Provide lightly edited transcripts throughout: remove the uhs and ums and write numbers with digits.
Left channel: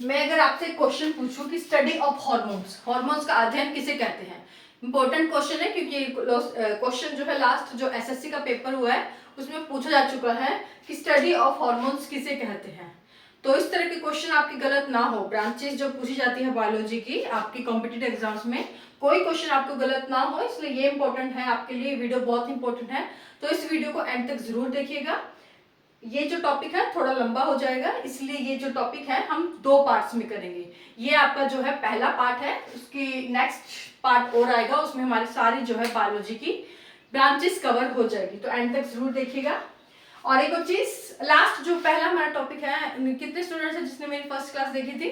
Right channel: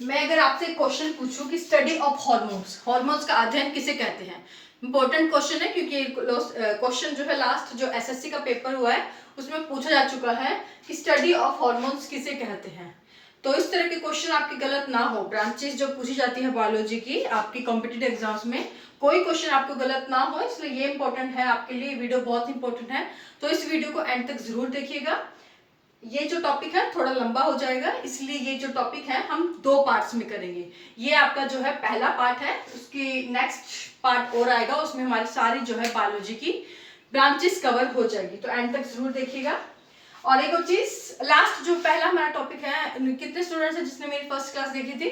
मैं अगर आपसे क्वेश्चन पूछूं कि स्टडी ऑफ हॉर्मोन्स, हॉर्मोन्स का अध्ययन किसे कहते हैं, इंपॉर्टेंट क्वेश्चन है क्योंकि क्वेश्चन जो है लास्ट जो एसएससी का पेपर हुआ है उसमें पूछा जा चुका है कि स्टडी ऑफ हॉर्मोन्स किसे कहते हैं। तो इस तरह के क्वेश्चन आपके गलत ना हो, ब्रांचेस जो पूछी जाती है बायोलॉजी की आपकी कॉम्पिटिटिव एग्जाम्स में, कोई क्वेश्चन आपको गलत ना हो, इसलिए ये इंपॉर्टेंट है आपके लिए, वीडियो बहुत इंपॉर्टेंट है। तो इस वीडियो को एंड तक जरूर देखिएगा। ये जो टॉपिक है थोड़ा लंबा हो जाएगा, इसलिए ये जो टॉपिक है हम 2 पार्ट्स में करेंगे। ये आपका जो है पहला पार्ट है, उसकी नेक्स्ट पार्ट और आएगा, उसमें हमारी सारी जो है बायोलॉजी की ब्रांचेस कवर हो जाएगी, तो एंड तक जरूर देखिएगा। और एक और चीज, लास्ट जो पहला हमारा टॉपिक है, कितने स्टूडेंट्स हैं जिसने मेरी फर्स्ट क्लास देखी थी,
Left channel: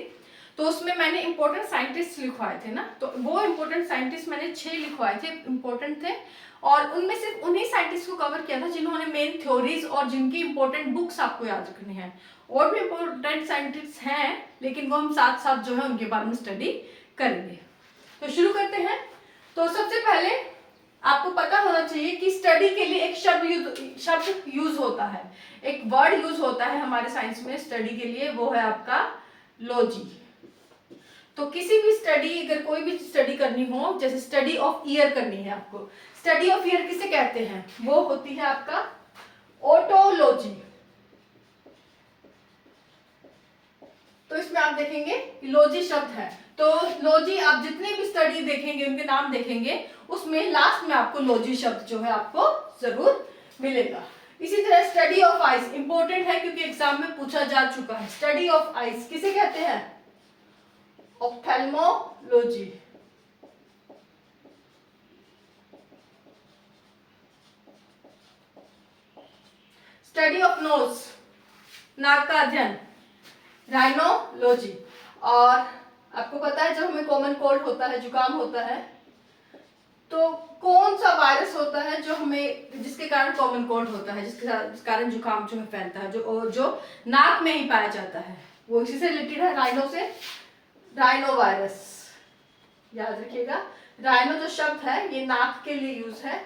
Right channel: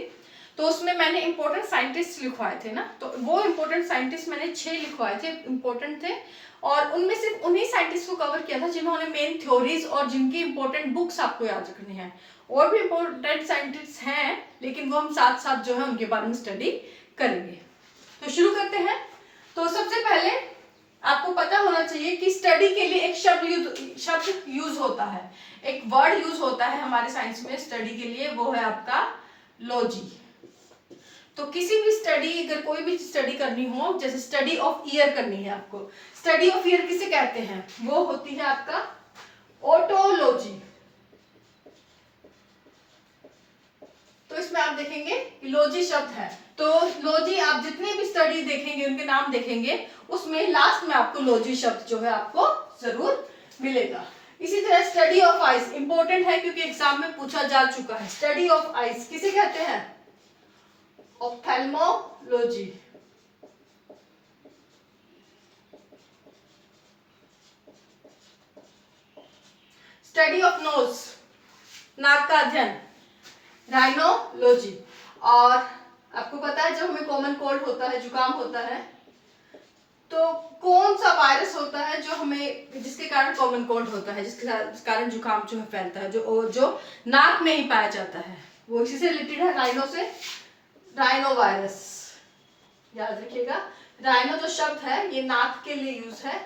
तो उसमें मैंने इंपॉर्टेंट साइंटिस्ट लिखवाए थे ना, तो वो इंपॉर्टेंट साइंटिस्ट मैंने 6 लिखवाए थे, इंपॉर्टेंट थे, और उनमें सिर्फ उन्हीं साइंटिस्ट को कवर किया था जिन्होंने मेन थ्योरीज और जिनकी इंपॉर्टेंट बुक्स आपको याद रखनी है। और भी इंपॉर्टेंट साइंटिस्ट हैं, लेकिन वो हम साथ साथ जो है उनके बारे में स्टडी करेंगे। तो शुरू करते हैं। तो सबसे पहले आपको पता होना चाहिए कि स्टडी के लिए एक शब्द यूज होता है, एक वर्ड यूज होता है हमारे साइंस में स्टडी के लिए, वो है आपका लॉजी। तो किसी भी स्टडी, अगर कोई भी स्टडी करनी हो, जैसे स्टडी ऑफ ईयर करनी है आपको, स्टडी ऑफ ईयर किसे कहते हैं, वो होती है आपका ओटोलॉजी। तो इसमें आप देखेंगे लॉजी शब्द है, तो लॉजी आप जितनी भी स्टडी देखेंगे, उनके नाम देखेंगे, उसमें लास्ट में आपको लॉजी शब्द जो है आपको जरूर मिलेगा। इसी तरह स्टडी ऑफ आइज इंपॉर्टेंट है क्योंकि एग्जाम में पूछा जा चुका है। स्टडी ऑफ आइज किसे कहते हैं, ऑप्थेल्मोलॉजी। स्टडी ऑफ नोज, नाक का अध्ययन, राइनोलॉजी। और आपको पता है जब हमें कॉमन कोल्ड होता है, जुकाम होता है, तो कौन सा वायरस होता है जो हमें, जिसके कारण कॉमन कोल्ड होता है, जिसके कारण जुकाम जो है फैलता है, जो नाक में ही पाया जाता है, वो इसी से रिलेटेड है, राइनो से, राइनो वायरस। याद रखिएगा, राइनो जो शब्द है ये नाक के लिए यूज है,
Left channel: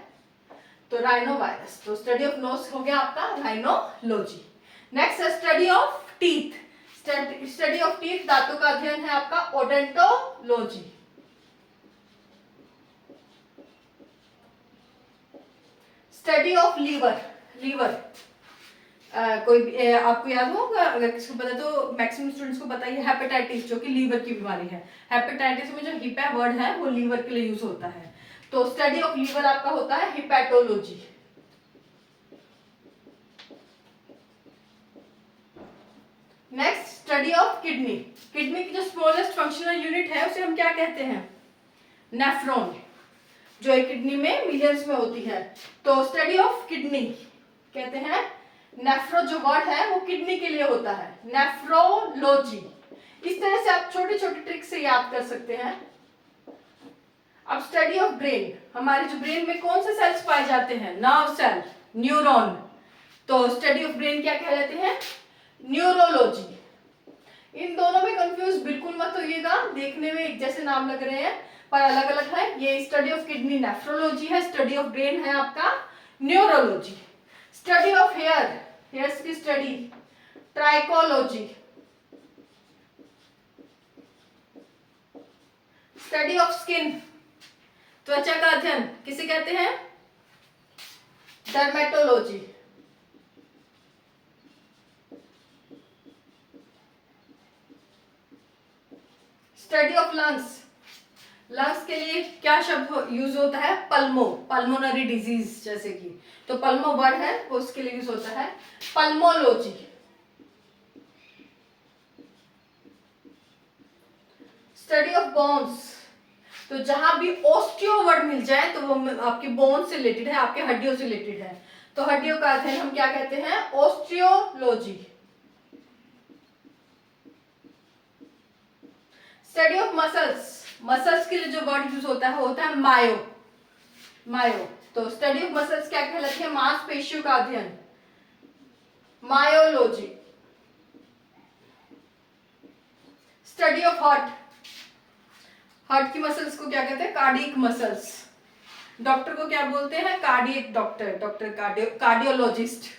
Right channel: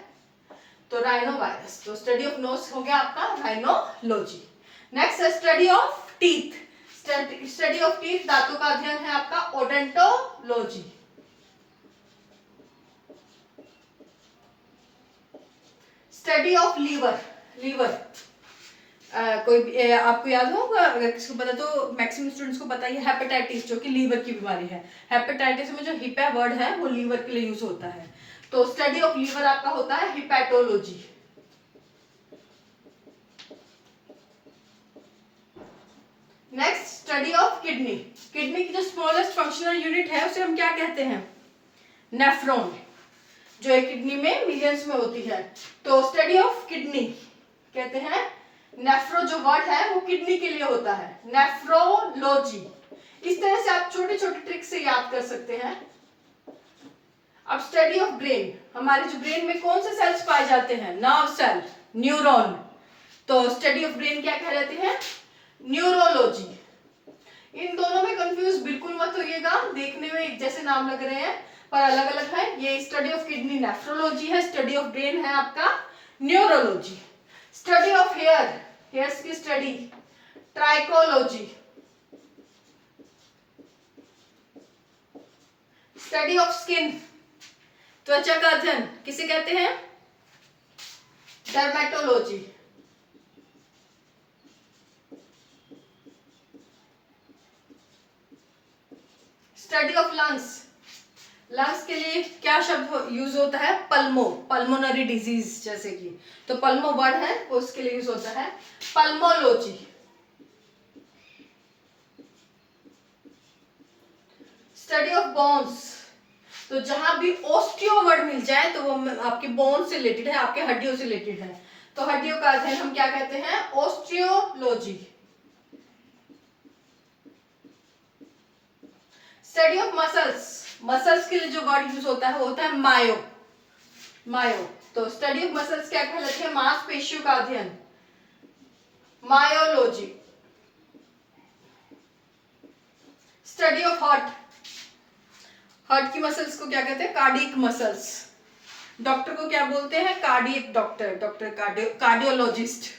तो राइनो वायरस। तो स्टडी ऑफ नोज हो गया आपका राइनोलॉजी। नेक्स्ट है study of teeth. Study of teeth, दांतों का अध्ययन है आपका odontology. Study of liver, liver कोई आपको याद होगा, अगर किसको पता तो मैक्सिमम स्टूडेंट्स को पता है, हेपेटाइटिस जो कि लीवर की बीमारी है। हेपेटाइटिस में जो हिपा वर्ड है वो लीवर के लिए यूज होता है, तो स्टडी ऑफ लीवर आपका होता है हिपैटोलॉजी। Next study of kidney. Kidney की जो स्मॉलेस्ट फंक्शनल यूनिट है उसे हम क्या कहते हैं, नेफ्रॉन, जो एक किडनी में मिलियंस में होती है। तो स्टडी ऑफ किडनी कहते हैं, नेफ्रो जो वर्ड है वो किडनी के लिए होता है, नेफ्रोलॉजी। इस तरह से आप छोटे छोटे ट्रिक से याद कर सकते हैं। अब स्टडी ऑफ ब्रेन, हमारे जो ब्रेन में कौन से सेल्स पाए जाते हैं, नर्व सेल, न्यूरॉन, तो स्टडी ऑफ ब्रेन क्या कहलाते हैं, न्यूरोलॉजी। इन दोनों में कंफ्यूज बिल्कुल मत होइएगा, देखने में एक जैसे नाम लग रहे हैं पर अलग अलग है। ये स्टडी ऑफ किडनी नेफ्रोलॉजी है, स्टडी ऑफ ब्रेन है आपका neurology. Study of hair, hairs की study trichology. Study of skin, त्वचा का अध्ययन किसे कहते हैं, dermatology. Study of lungs, lungs के लिए क्या शब्द यूज होता है, पल्मो, पल्मोनरी डिजीज जैसे कि, तो पल्मो वर्ड है वो उसके लिए यूज होता है पल्मोलॉजी। स्टडी ऑफ बोन्स, तो जहां भी ऑस्टियो वर्ड मिल जाए तो वो आपके बोन से रिलेटेड है, आपके हड्डियों से रिलेटेड है, तो हड्डियों का अध्ययन हम क्या कहते हैं, osteology. Study of muscles, muscles के लिए जो वर्ड यूज होता है मायो, मायो। तो स्टडी ऑफ मसल्स क्या कहलाती है, मांसपेशियों का अध्ययन, myology. Study of heart, heart की मसल्स को क्या कहते हैं, कार्डियक मसल्स। डॉक्टर को क्या बोलते हैं, कार्डियक डॉक्टर, कार्डियोलॉजिस्ट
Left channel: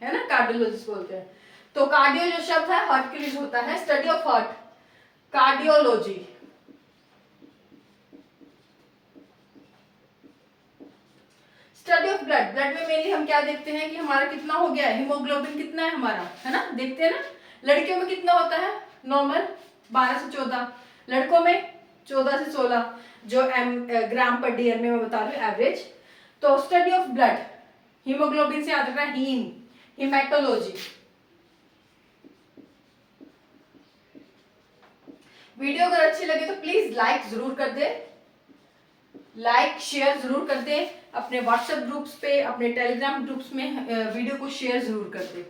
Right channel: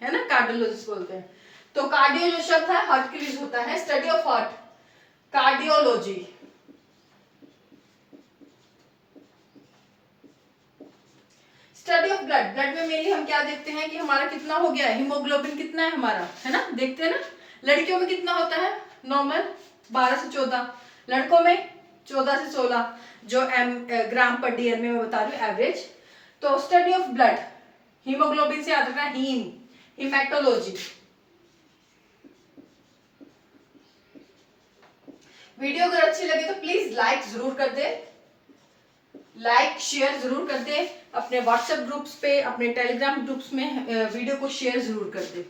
है ना, कार्डियोलॉजिस्ट बोलते हैं। तो कार्डियो जो शब्द है हार्ट के लिए होता है, study of heart. Cardiology, study of blood, blood में मेनली हम क्या देखते हैं कि हमारा कितना हो गया है, हीमोग्लोबिन कितना है हमारा, है ना, देखते हैं ना। लड़कियों में कितना होता है नॉर्मल 12 से 14, लड़कों में 14 से 16 जो ग्राम पर डीएम में मैं बता रही हूँ एवरेज। तो स्टडी ऑफ ब्लड, हीमोग्लोबिन से याद रखना हीम, हिमेटोलॉजी। वीडियो अगर अच्छी लगे तो प्लीज लाइक जरूर कर दे, लाइक शेयर जरूर कर दे, अपने व्हाट्सएप ग्रुप्स पे, अपने टेलीग्राम ग्रुप्स में वीडियो को शेयर जरूर कर दे।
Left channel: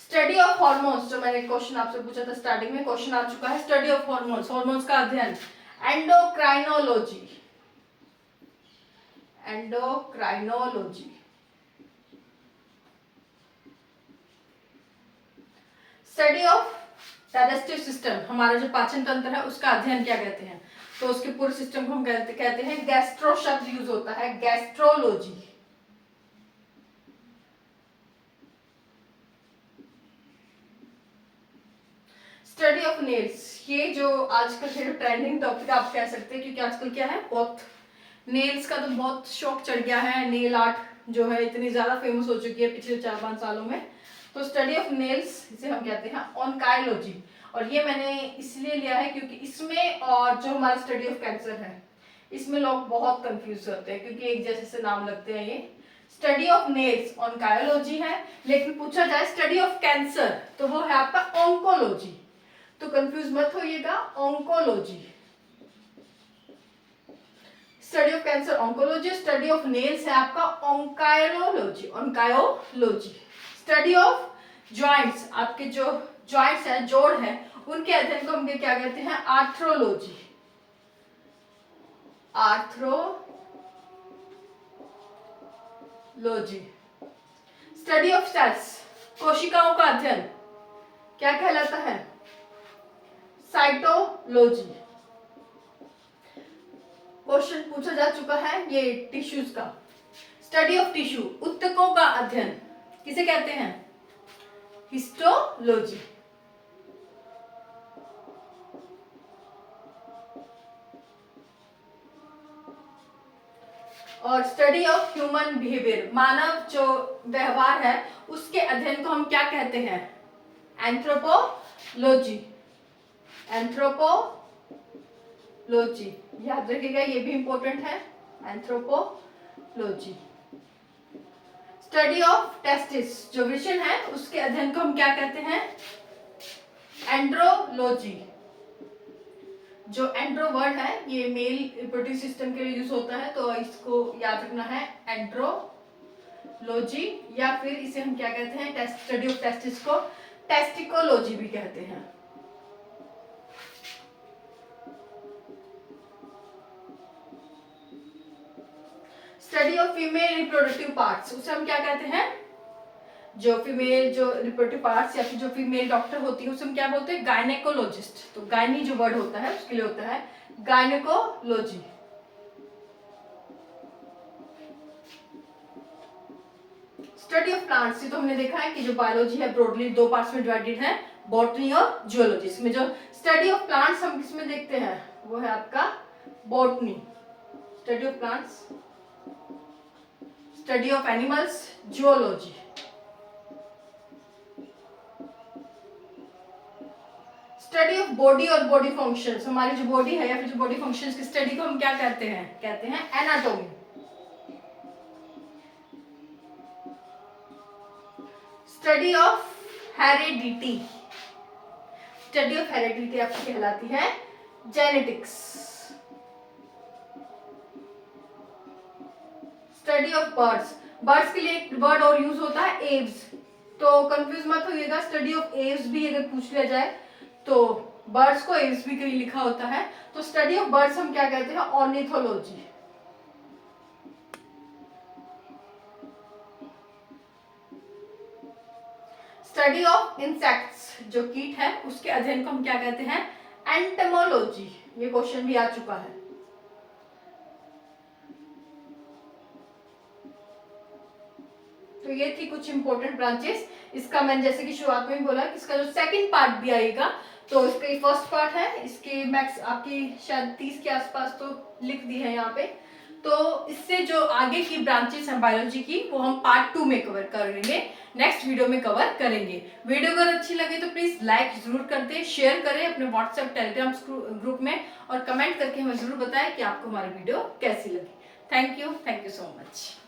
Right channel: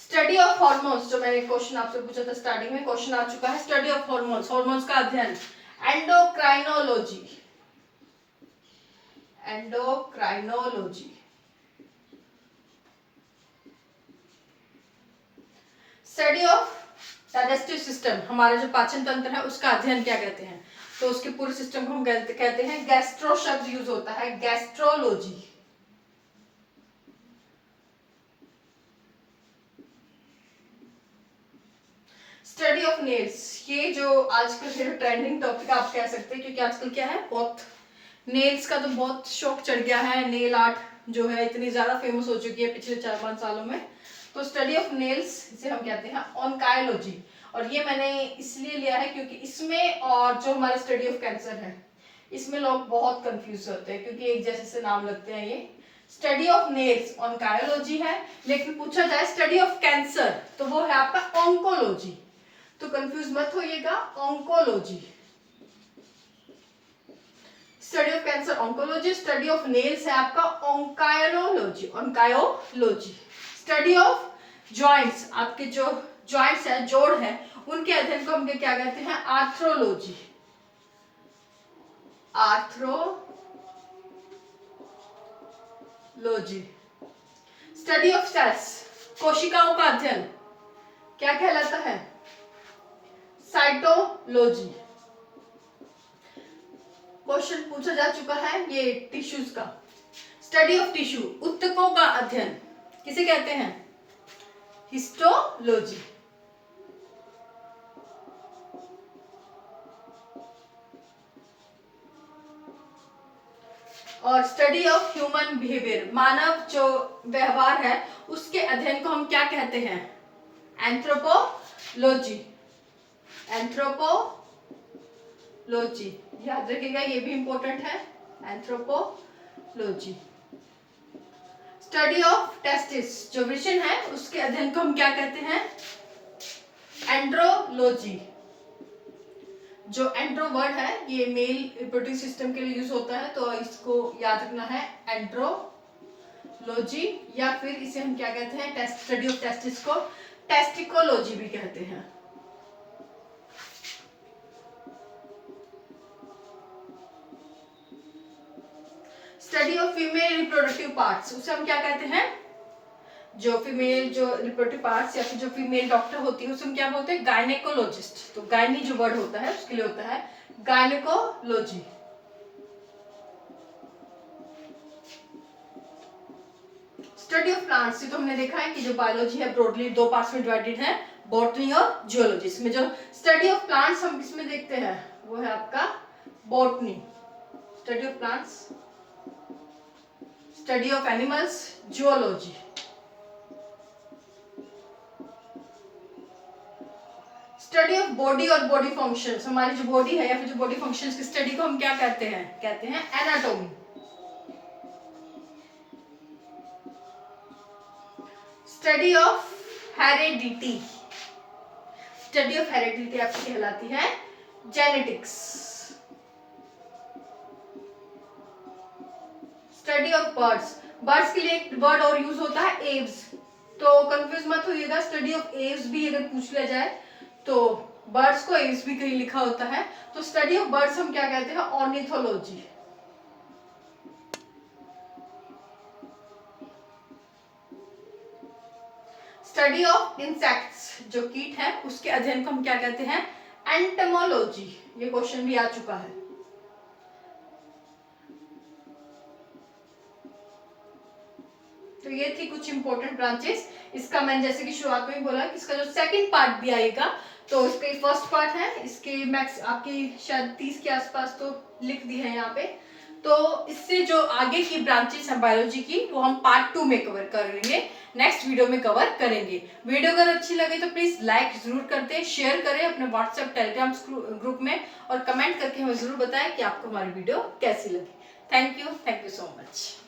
स्टडी ऑफ हॉर्मोन्स, जो मैंने क्वेश्चन आपसे पूछा था स्टार्टिंग में, क्वेश्चन आ चुका है। स्टडी ऑफ हॉर्मोन्स, हॉर्मोन्स का अध्ययन, endocrinology, endocrinology. Study of digestive system, हमारा जो पाचन तंत्र है उसका अध्ययन क्या कहते हैं, तो उसके पूरे सिस्टम को हम कहते हैं, गैस्ट्रो शब्द यूज होता है, गैस्ट्रोलॉजी। स्टडी ऑफ नेल्स, ये जो आजकल जो ट्रेंडिंग टॉपिक आप कह सकते हैं, क्योंकि आजकल क्या है, बहुत नेल्स का तो बहुत शौक चढ़ गया है, नेल आर्ट जो है इतनी ज्यादा फेमस हो चुकी है पिछले 4-5 सालों में। तो स्टडी ऑफ नेल्स इसे हम कहते हैं ऑनकायोलॉजी, और ये मैंने इसलिए लिया है क्योंकि इसमें और जो हमारा स्टडी ऑफ कैंसर है इसमें लोग बहुत कंफ्यूज होते हैं, क्योंकि एक जैसे से नाम लगते हैं। ये स्टडी ऑफ नेल्स ऑनकायोलॉजी है, लेकिन पूछा जाए स्टडी ऑफ कैंसर तो वो है आपका ऑन्कोलॉजी, तो कंफ्यूज मत होइएगा, oncology. Study of cancer oncology, study of nails है आपका onychology, onychology. Study of joints, आपके जो जॉइंट्स है, जोड़ है, उनके अध्ययन को हम क्या कहते हैं, arthrology, arthrology. Study of cells, कोशिकाओं का अध्ययन क्या कहलाता है, साइटोलॉजी। क्वेश्चन पूछा जा चुका है ये टिश्यूज का। स्टडी ऑफ टिश्यू, ऊतकों का अध्ययन किसे कहते हैं, हिस्टोलॉजी। और स्टडी ऑफ ह्यूमन बिहेवियर, मानव जो व्यवहार है उसके अध्ययन को हम क्या कहते हैं, एंथ्रोपोलॉजी, एंथ्रोपोलॉजी। याद रखिएगा ये भी इंपॉर्टेंट है, एंथ्रोपोलॉजी। स्टडी ऑफ टेस्टिस, जो वृषण है उसके अध्ययन को हम क्या कहते हैं, एंड्रोलॉजी। जो एंड्रो वर्ड है ये मेल रिप्रोडक्टिव सिस्टम के लिए यूज होता है, तो इसको याद रखना है, एंड्रोलॉजी। या फिर इसे हम क्या कहते हैं, स्टडी ऑफ टेस्टिस को टेस्टिकोलॉजी भी कहते हैं। Study of female reproductive parts, उसे हम क्या कहते हैं, जो फीमेल जो रिप्रोडक्टिव पार्ट्स या फिर जो फीमेल डॉक्टर होती है उसे हम क्या बोलते हैं, गायनेकोलॉजिस्ट। तो गायनी जो वर्ड होता है उसके लिए होता है गायनेकोलॉजी। स्टडी ऑफ प्लांट्स, तो हमने देखा है कि जो बायोलॉजी है ब्रॉडली 2 पार्ट्स में डिवाइडेड है, बॉटनी और जियोलॉजी। इसमें जो स्टडी ऑफ प्लांट्स हम किसमें देखते हैं, वो है आपका botany. Study of plants, study of animals, geology. Study of body और बॉडी फंक्शंस, हमारी जो बॉडी है या फिर जो बॉडी फंक्शंस की स्टडी को हम क्या कहते हैं, कहते हैं anatomy. Study of heredity, study of heredity आपकी कहलाती है genetics. Study of birds, birds के लिए एक वर्ड और यूज होता है एव्स, तो कंफ्यूज मत होइएगा, स्टडी ऑफ एव्स भी अगर पूछ लिया जाए तो बर्ड्स को एव्स भी कहीं लिखा होता है। तो स्टडी ऑफ बर्ड्स हम क्या कहते हैं, ऑर्निथोलॉजी। स्टडी ऑफ इंसेक्ट्स, जो कीट है उसके अध्ययन को हम क्या कहते हैं, एंटमोलॉजी। ये क्वेश्चन भी आ चुका है। तो ये थी कुछ इंपॉर्टेंट ब्रांचेस। इसका मैंने जैसे कि शुरुआत में ही बोला कि इसका जो सेकंड पार्ट भी आएगा तो इसका ये फर्स्ट पार्ट है, इसके मैक्स आपकी शायद 30 के आसपास तो लिख दी है यहाँ पे। तो इससे जो आगे की ब्रांचेस हैं बायोलॉजी की वो हम पार्ट 2 में कवर करेंगे, नेक्स्ट वीडियो में कवर करेंगे। वीडियो अगर अच्छी लगे तो प्लीज लाइक जरूर कर दें, शेयर करें अपने व्हाट्सएप टेलीग्राम ग्रुप में, और कमेंट करके हमें जरूर बताएं कि आपको हमारी वीडियो कैसी लगी। Thank you so much.